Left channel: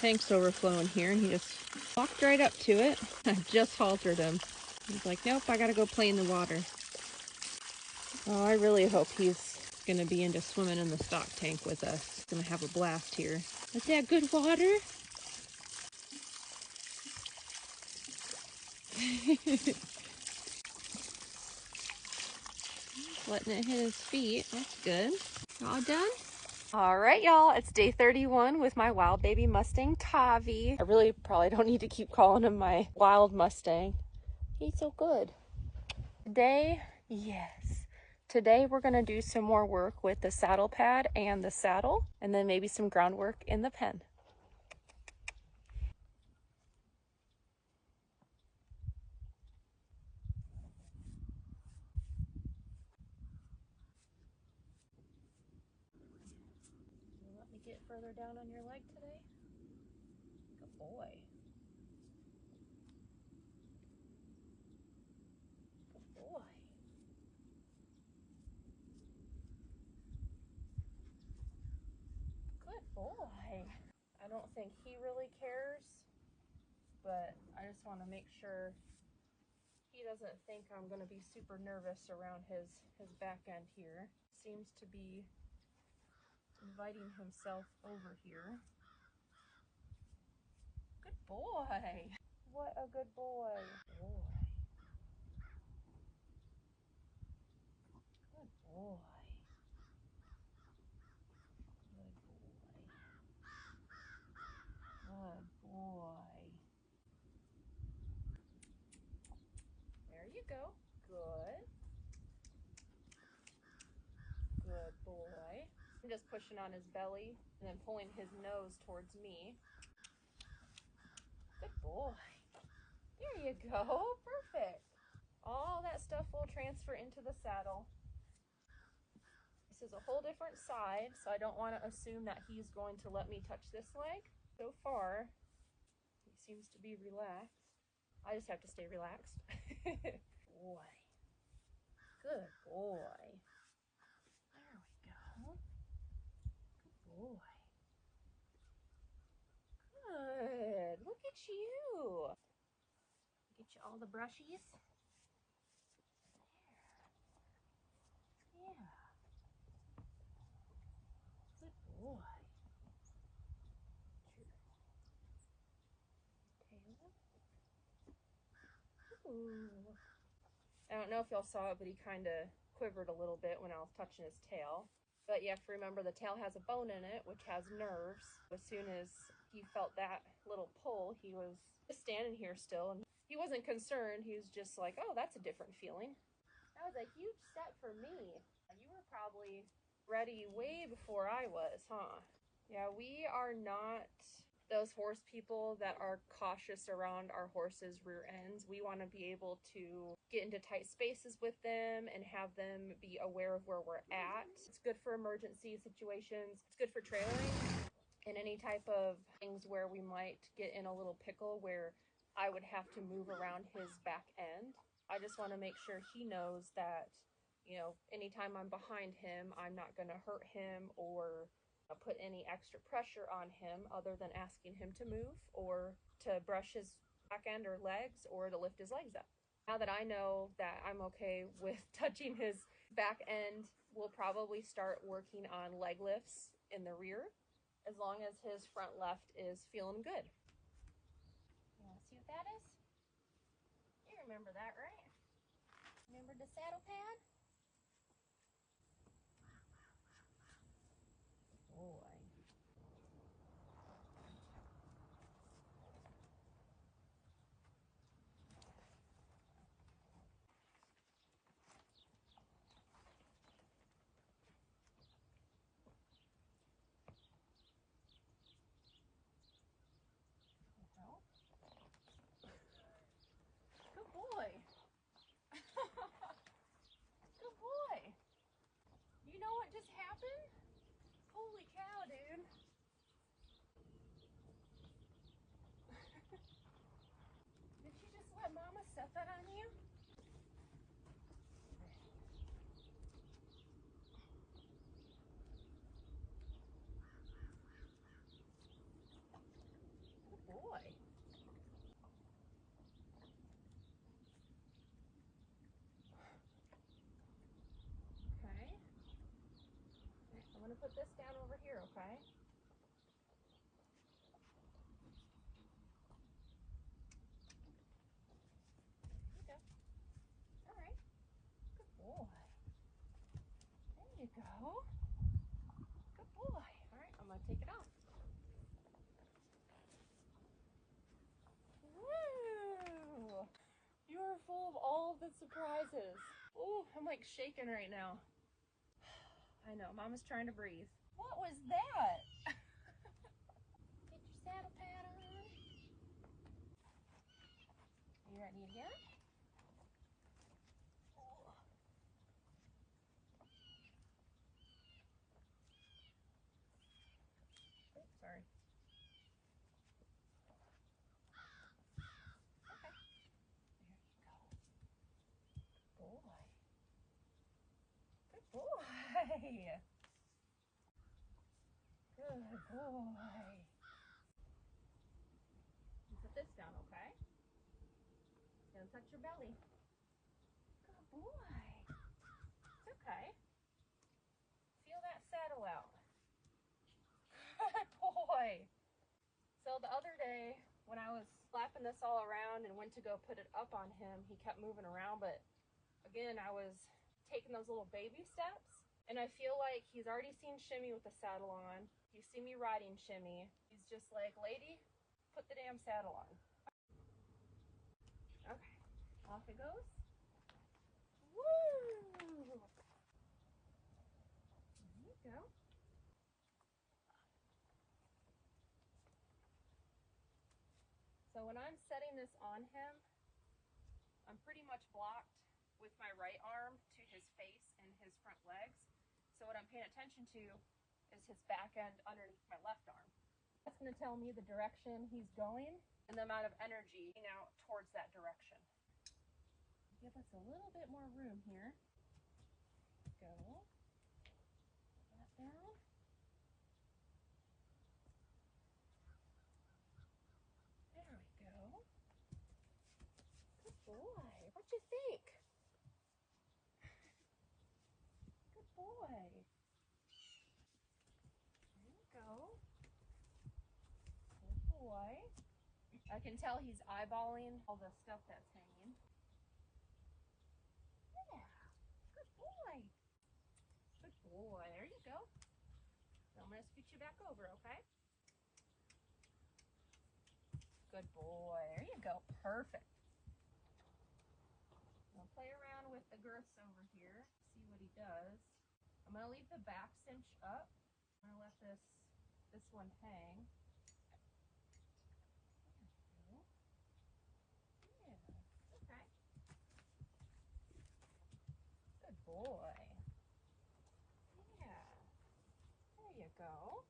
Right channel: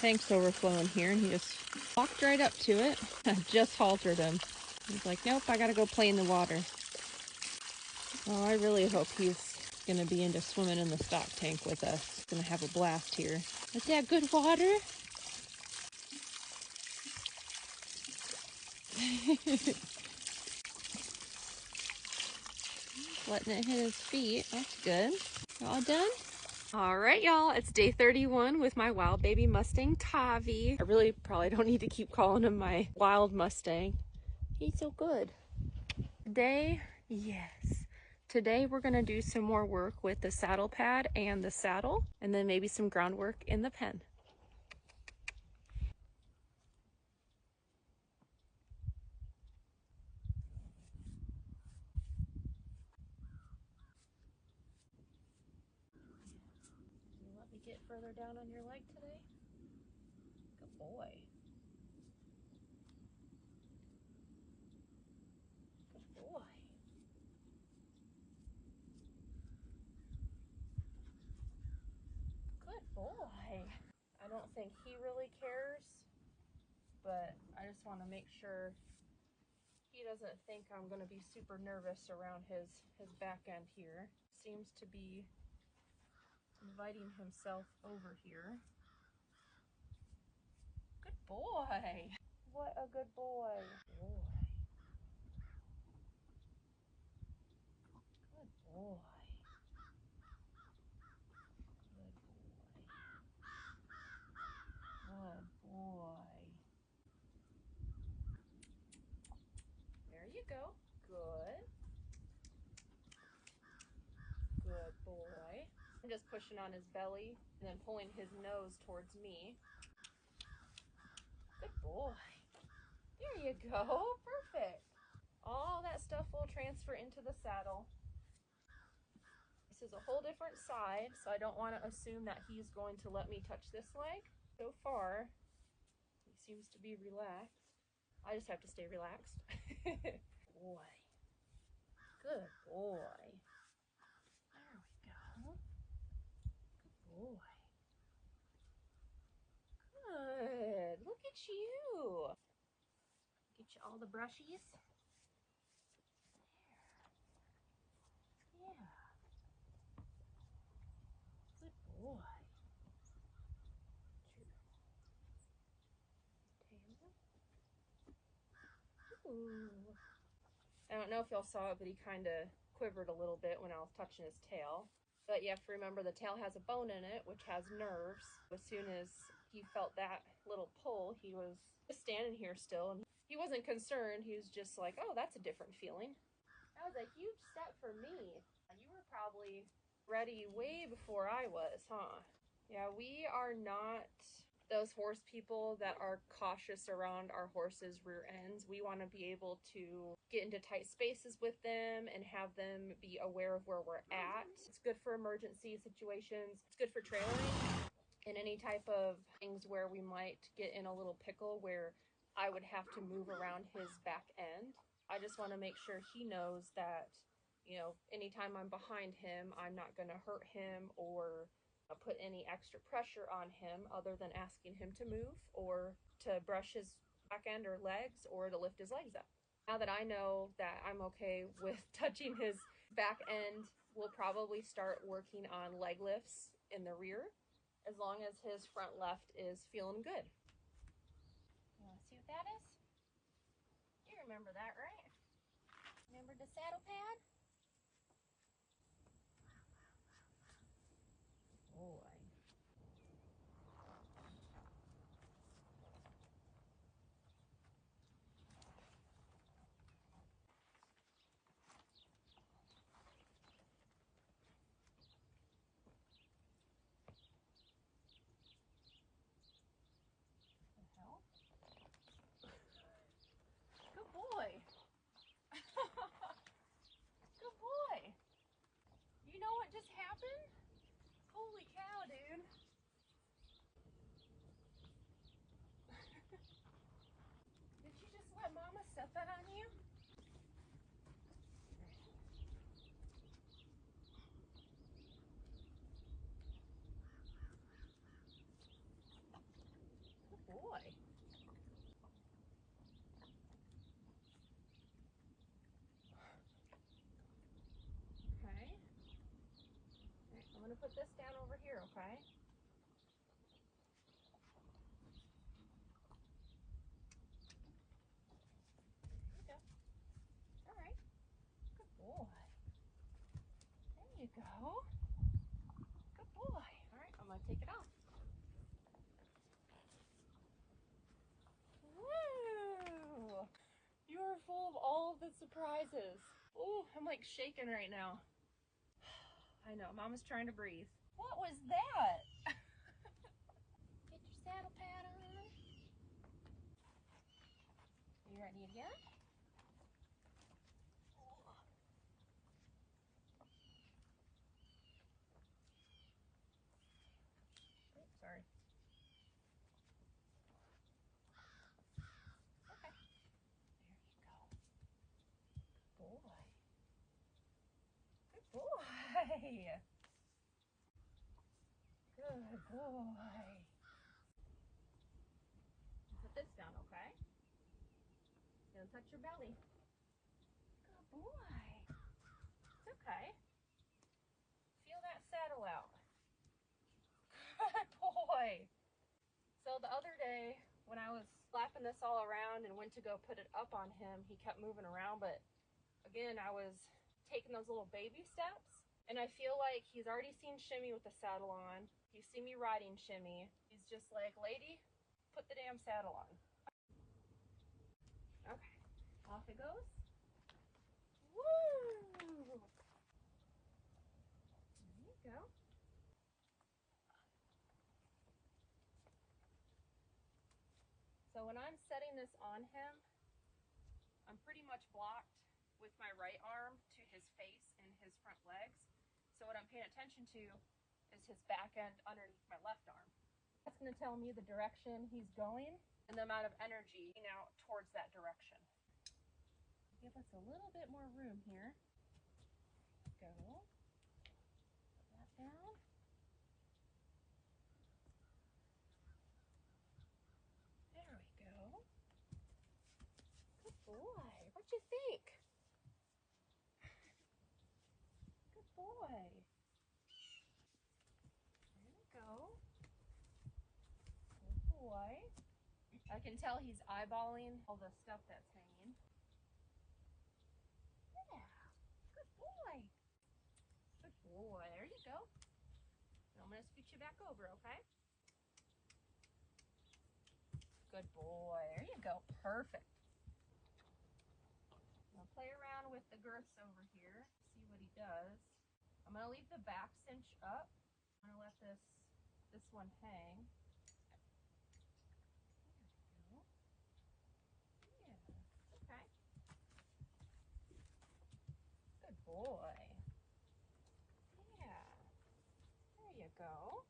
tank's overflowing here, and he just walked right up to it. I just haltered him. He's like, nope, I gotta go play in the water. Oh, I really hope he's gonna be into swimming in the stock tank with us. He's gonna have a blast here. Is that good water? Letting it hit his feet. That's good. All done? All right, y'all. It's day 31 with my wild baby Mustang, Taavi. I really probably don't need to keep calling him my wild Mustang. He's so good. Today, yes. Today we're gonna do some more work with the saddle pad and the saddle, and then maybe some groundwork in the pen. You let me get further down on your leg today? Good boy. Good boy. Good boy. I don't think he really cares, but I just want to make sure he doesn't think I'm going to be super nervous around his back end here. Seems to be inviting himself over here. Good boy. What a good boy. Boy. Good boy. Good boy. Good boy. There you go. Good. Good boy. I'm just pushing on his belly and then pulling his nose towards me. Good boy. There you go. Perfect. All that stuff will transfer into the saddle. This is a whole different side, so I don't want to assume that he's going to let me touch this leg. So far, he seems to be relaxed. I just have to stay relaxed. Boy. Good boy. There we go. Good boy. Good. Look at you. Get you all the brushies. There. Yeah. Good boy. Tail. Ooh. I don't know if y'all saw it, but he kind of quivered a little bit when I was touching his tail. But you have to remember the tail has a bone in it, which has nerves. As soon as he felt that little pull, he was just standing here still, and he wasn't concerned. He was just like, oh, that's a different feeling. That was a huge step for me. You were probably ready way before I was, huh? Yeah, we are not those horse people that are cautious around our horses' rear ends. We want to be able to get into tight spaces with them and have them be aware of where we're at. It's good for emergency situations. It's good for trailering and any type of things where we might get in a little pickle where I would have to move around his back end. I just want to make sure he knows that, you know, anytime I'm behind him, I'm not going to hurt him or put any extra pressure on him other than asking him to move or to brush his back end or legs or to lift his legs up. Now that I know that I'm okay with touching his back end, we'll probably start working on leg lifts in the rear as long as his front left is feeling good. You want to see what that is? You remember that, right? Remember the saddle pad? Boy. Good boy. Good boy. You know what just happened? Holy cow, dude. Did you just let Mama set that on you? put this down over here, okay? There you go. All right. Good boy. There you go. Good boy. All right, I'm gonna take it off. Woo! You're full of all of the surprises. Ooh, I'm like shaking right now. I know, Mama's trying to breathe. What was that? Get your saddle pad on. You ready again? Oh. Oops, sorry. Okay. There you go. Good boy. Good boy. Good boy. Put this down, okay? Don't touch your belly. Good boy. It's okay. Feel that saddle out. Good boy. So the other day when I was slapping this all around and went to go put it up on him, he kept moving around, but again, I was taking those little baby steps, and I feel like he's already seen Shimmy with the saddle on. He's seen me riding Shimmy. He's just like, lady, put the damn saddle on. Okay, off it goes. Woo! There you go. So when I'm setting this on him, I'm pretty much blocked with my right arm to his face and his front legs. So what I'm paying attention to is his back end underneath my left arm. That's going to tell me the direction he's going and the amount of energy out towards that direction. Give us a little bit more room here. Go. Put that down. There we go. Good boy. What you think? Good boy. There you go. Good boy. I can tell he's eyeballing all the stuff that's hanging. Yeah. Good boy. Good boy. There you go. Now I'm going to scoot you back over, okay? Good boy. There you go. Perfect. I'll play around with the girths over here, see what he does. I'm going to leave the back cinch up. I'm going to let this one hang. There we go. Yeah. Okay. Good boy. Yeah. There you go.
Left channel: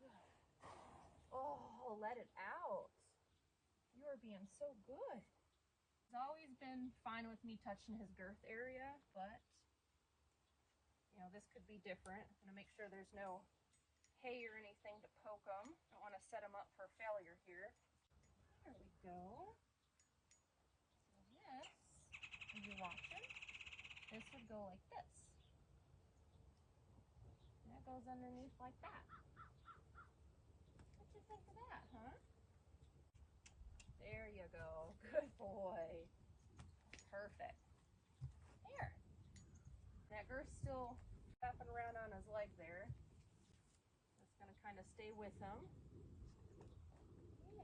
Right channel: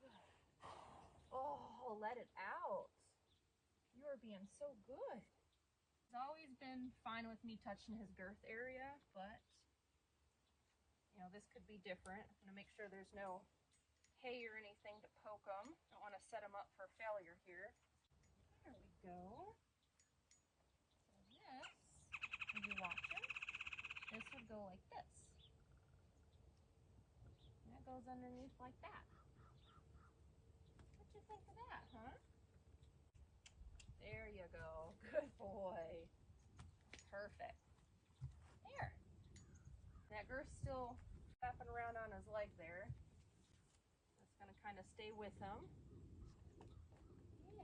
Good. Oh, let it out. You are being so good. He's always been fine with me touching his girth area, but you know, this could be different. I'm gonna make sure there's no hay or anything to poke him. Don't want to set him up for failure here. There we go. So this, if you're watching, this would go like this. And that goes underneath like that. What you think of that, huh? There you go. Good boy. Perfect. There. That girth's still wrapping around on his leg there. That's going to kind of stay with him. Yeah.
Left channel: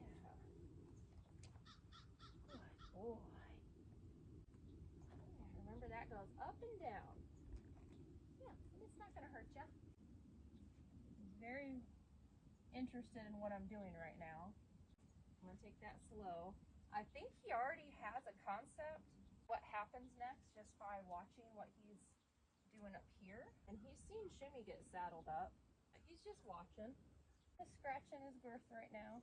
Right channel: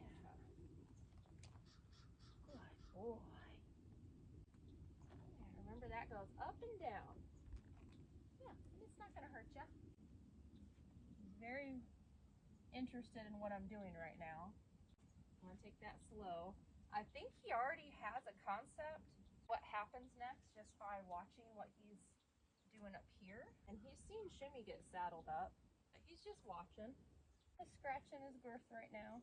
Good boy. Yeah, remember that goes up and down. Yeah, and it's not going to hurt you. He's very interested in what I'm doing right now. I'm going to take that slow. I think he already has a concept what happens next just by watching what he's doing up here. And he's seen Shimmy get saddled up. He's just watching. He's scratching his girth right now.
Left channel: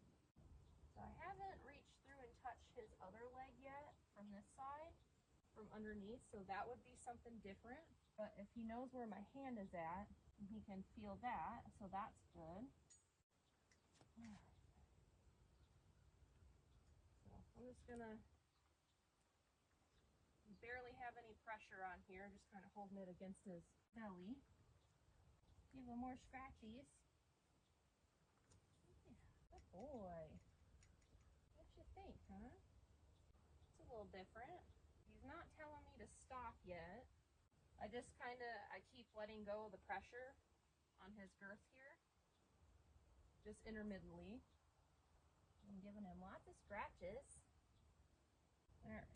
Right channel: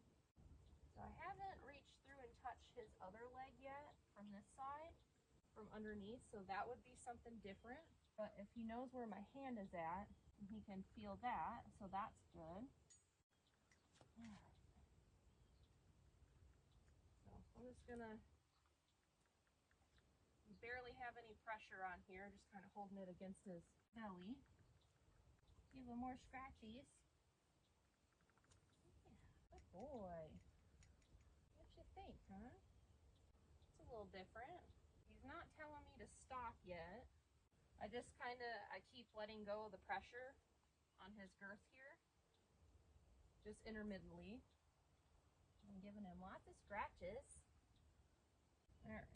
So I haven't reached through and touched his other leg yet from this side, from underneath. So that would be something different. But if he knows where my hand is at, he can feel that. So that's good. So I'm just gonna barely have any pressure on here, just kind of holding it against his belly. Give him more scratchies. Yeah, good boy. What you think, huh? It's a little different. He's not telling me to stop yet. I keep letting go of the pressure on his girth here, just intermittently. I'm giving him lots of scratches. All right.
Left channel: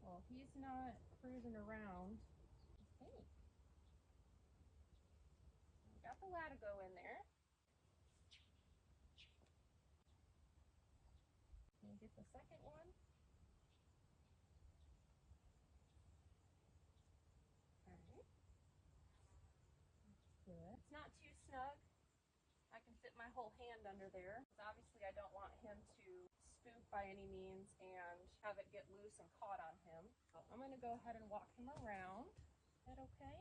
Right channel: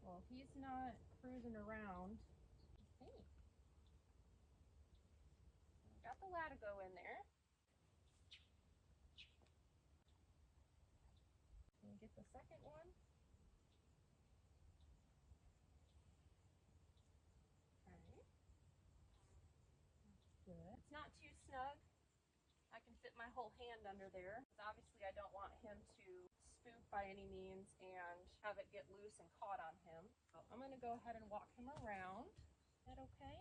Well, if he's not cruising around, hey, got the latigo in there. Can you get the second one? Okay. That's good. It's not too snug. I can fit my whole hand under there, because obviously I don't want him to spook by any means and have it get loose and caught on him. So I'm going to go ahead and walk him around. Is that okay?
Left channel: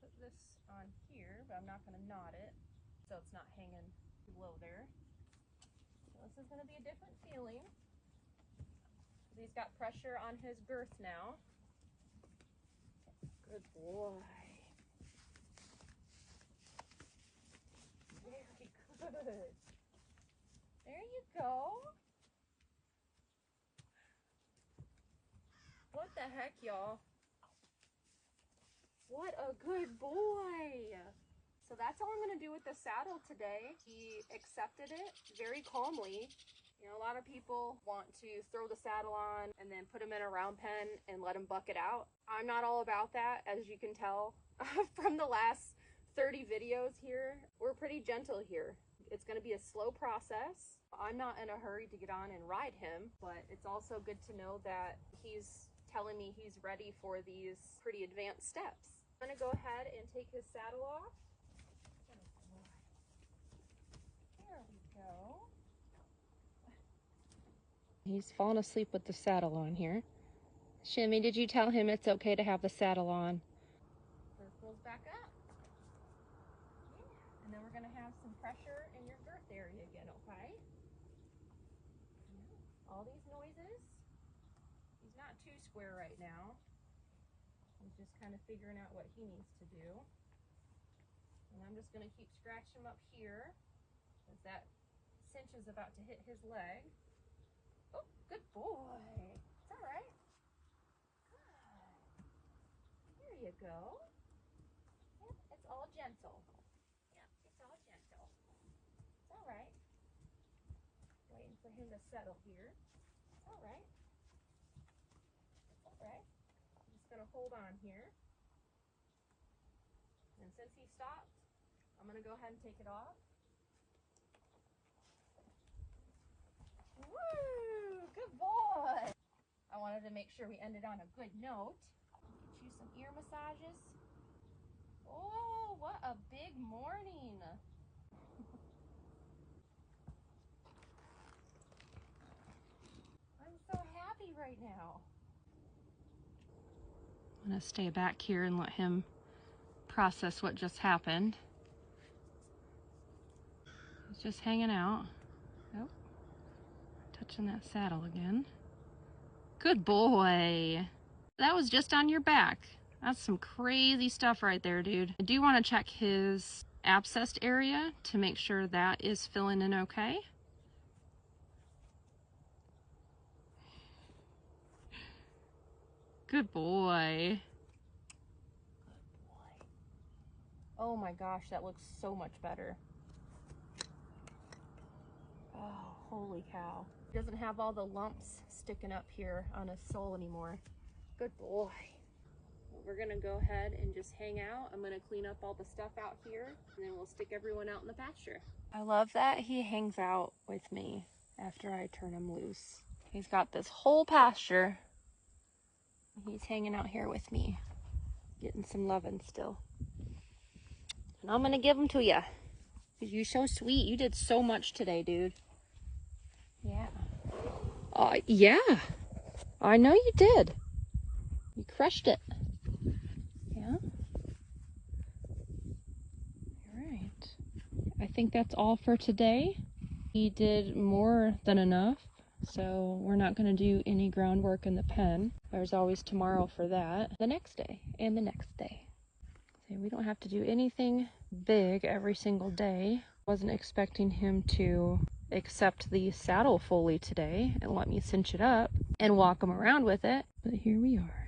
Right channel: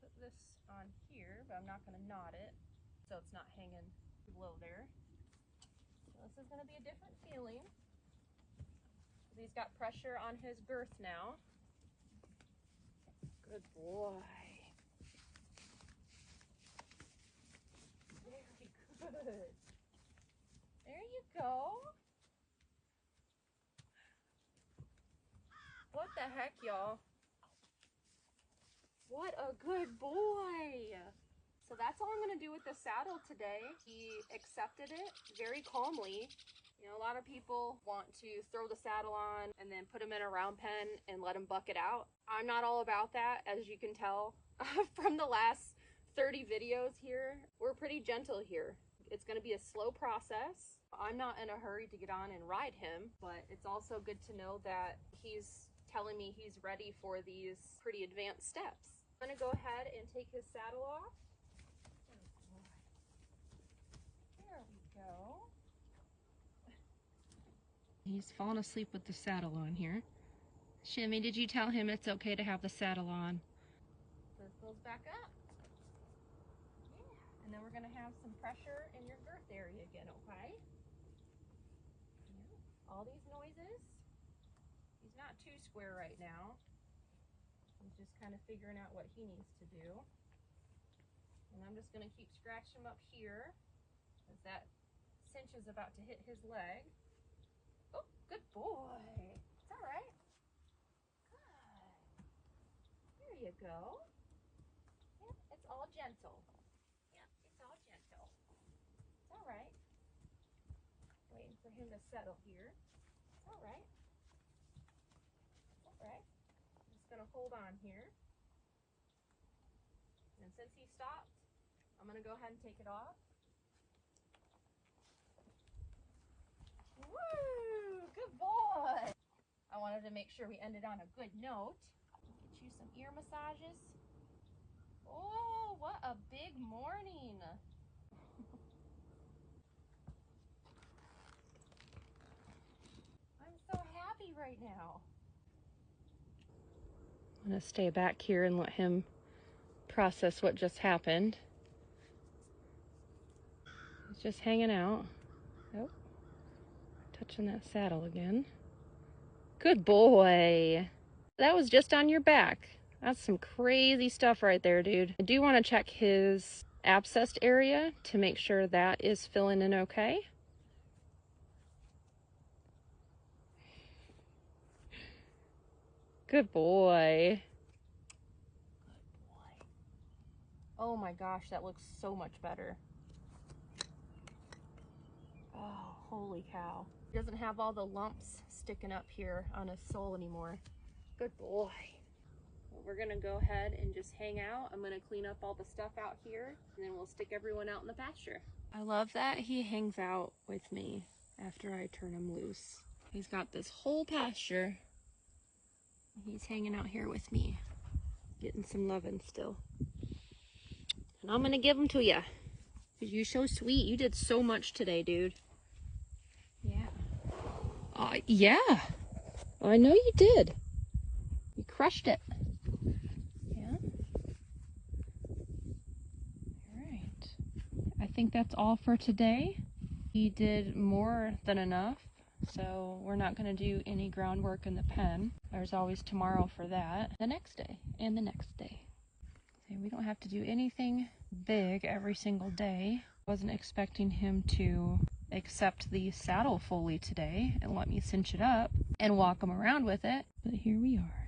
Put this on here, but I'm not going to knot it so it's not hanging too low there. So this is going to be a different feeling. He's got pressure on his girth now. Good boy. Very good. There you go. What the heck, y'all? What a good boy. So that's all I'm going to do with the saddle today. He accepted it very calmly. You know, a lot of people want to throw the saddle on and then put him in a round pen and let him buck it out. I'm not all about that, as you can tell from the last 30 videos here. We're pretty gentle here. It's going to be a slow process. I'm not in a hurry to get on and ride him, but it's also good to know that he's telling me he's ready for these pretty advanced steps. I'm going to go ahead and take his saddle off. There we go. He's fallen asleep with the saddle on here. Shimmy, did you tell him it's okay to have the saddle on? Circles back up. Yeah. And then we're going to have some pressure in your girth area again, okay? Yeah. All these noises. He's not too square right now. He's just kind of figuring out what he needs to do. And I'm just going to keep scratching him up here as that cinch is about to hit his leg. Oh, good boy. It's all right. Good. There you go. Yep, it's all gentle. Yep, it's all gentle. It's all right. Waiting for him to settle here. All right. All right. I'm just going to hold on here. And since he stopped, I'm going to go ahead and take it off. Woo! Good boy! I wanted to make sure we ended on a good note. Get you some ear massages. Oh, what a big morning! I'm so happy right now. I'm going to stay back here and let him process what just happened. He's just hanging out. Oh, touching that saddle again. Good boy. That was just on your back. That's some crazy stuff right there, dude. I do want to check his abscessed area to make sure that is filling in okay. Good boy. Good boy. Oh my gosh, that looks so much better. Oh, holy cow. He doesn't have all the lumps sticking up here on his sole anymore. Good boy. Well, we're gonna go ahead and just hang out. I'm gonna clean up all the stuff out here, and then we'll stick everyone out in the pasture. I love that he hangs out with me after I turn him loose. He's got this whole pasture. He's hanging out here with me, getting some loving still. And I'm gonna give him to you. Because you're so sweet. You did so much today, dude. Yeah. Yeah. I know you did. You crushed it. Yeah. All right. I think that's all for today. He did more than enough, so we're not going to do any groundwork in the pen. There's always tomorrow for that. The next day and the next day. Okay, we don't have to do anything big every single day. Wasn't expecting him to accept the saddle fully today and let me cinch it up and walk him around with it, but here we are.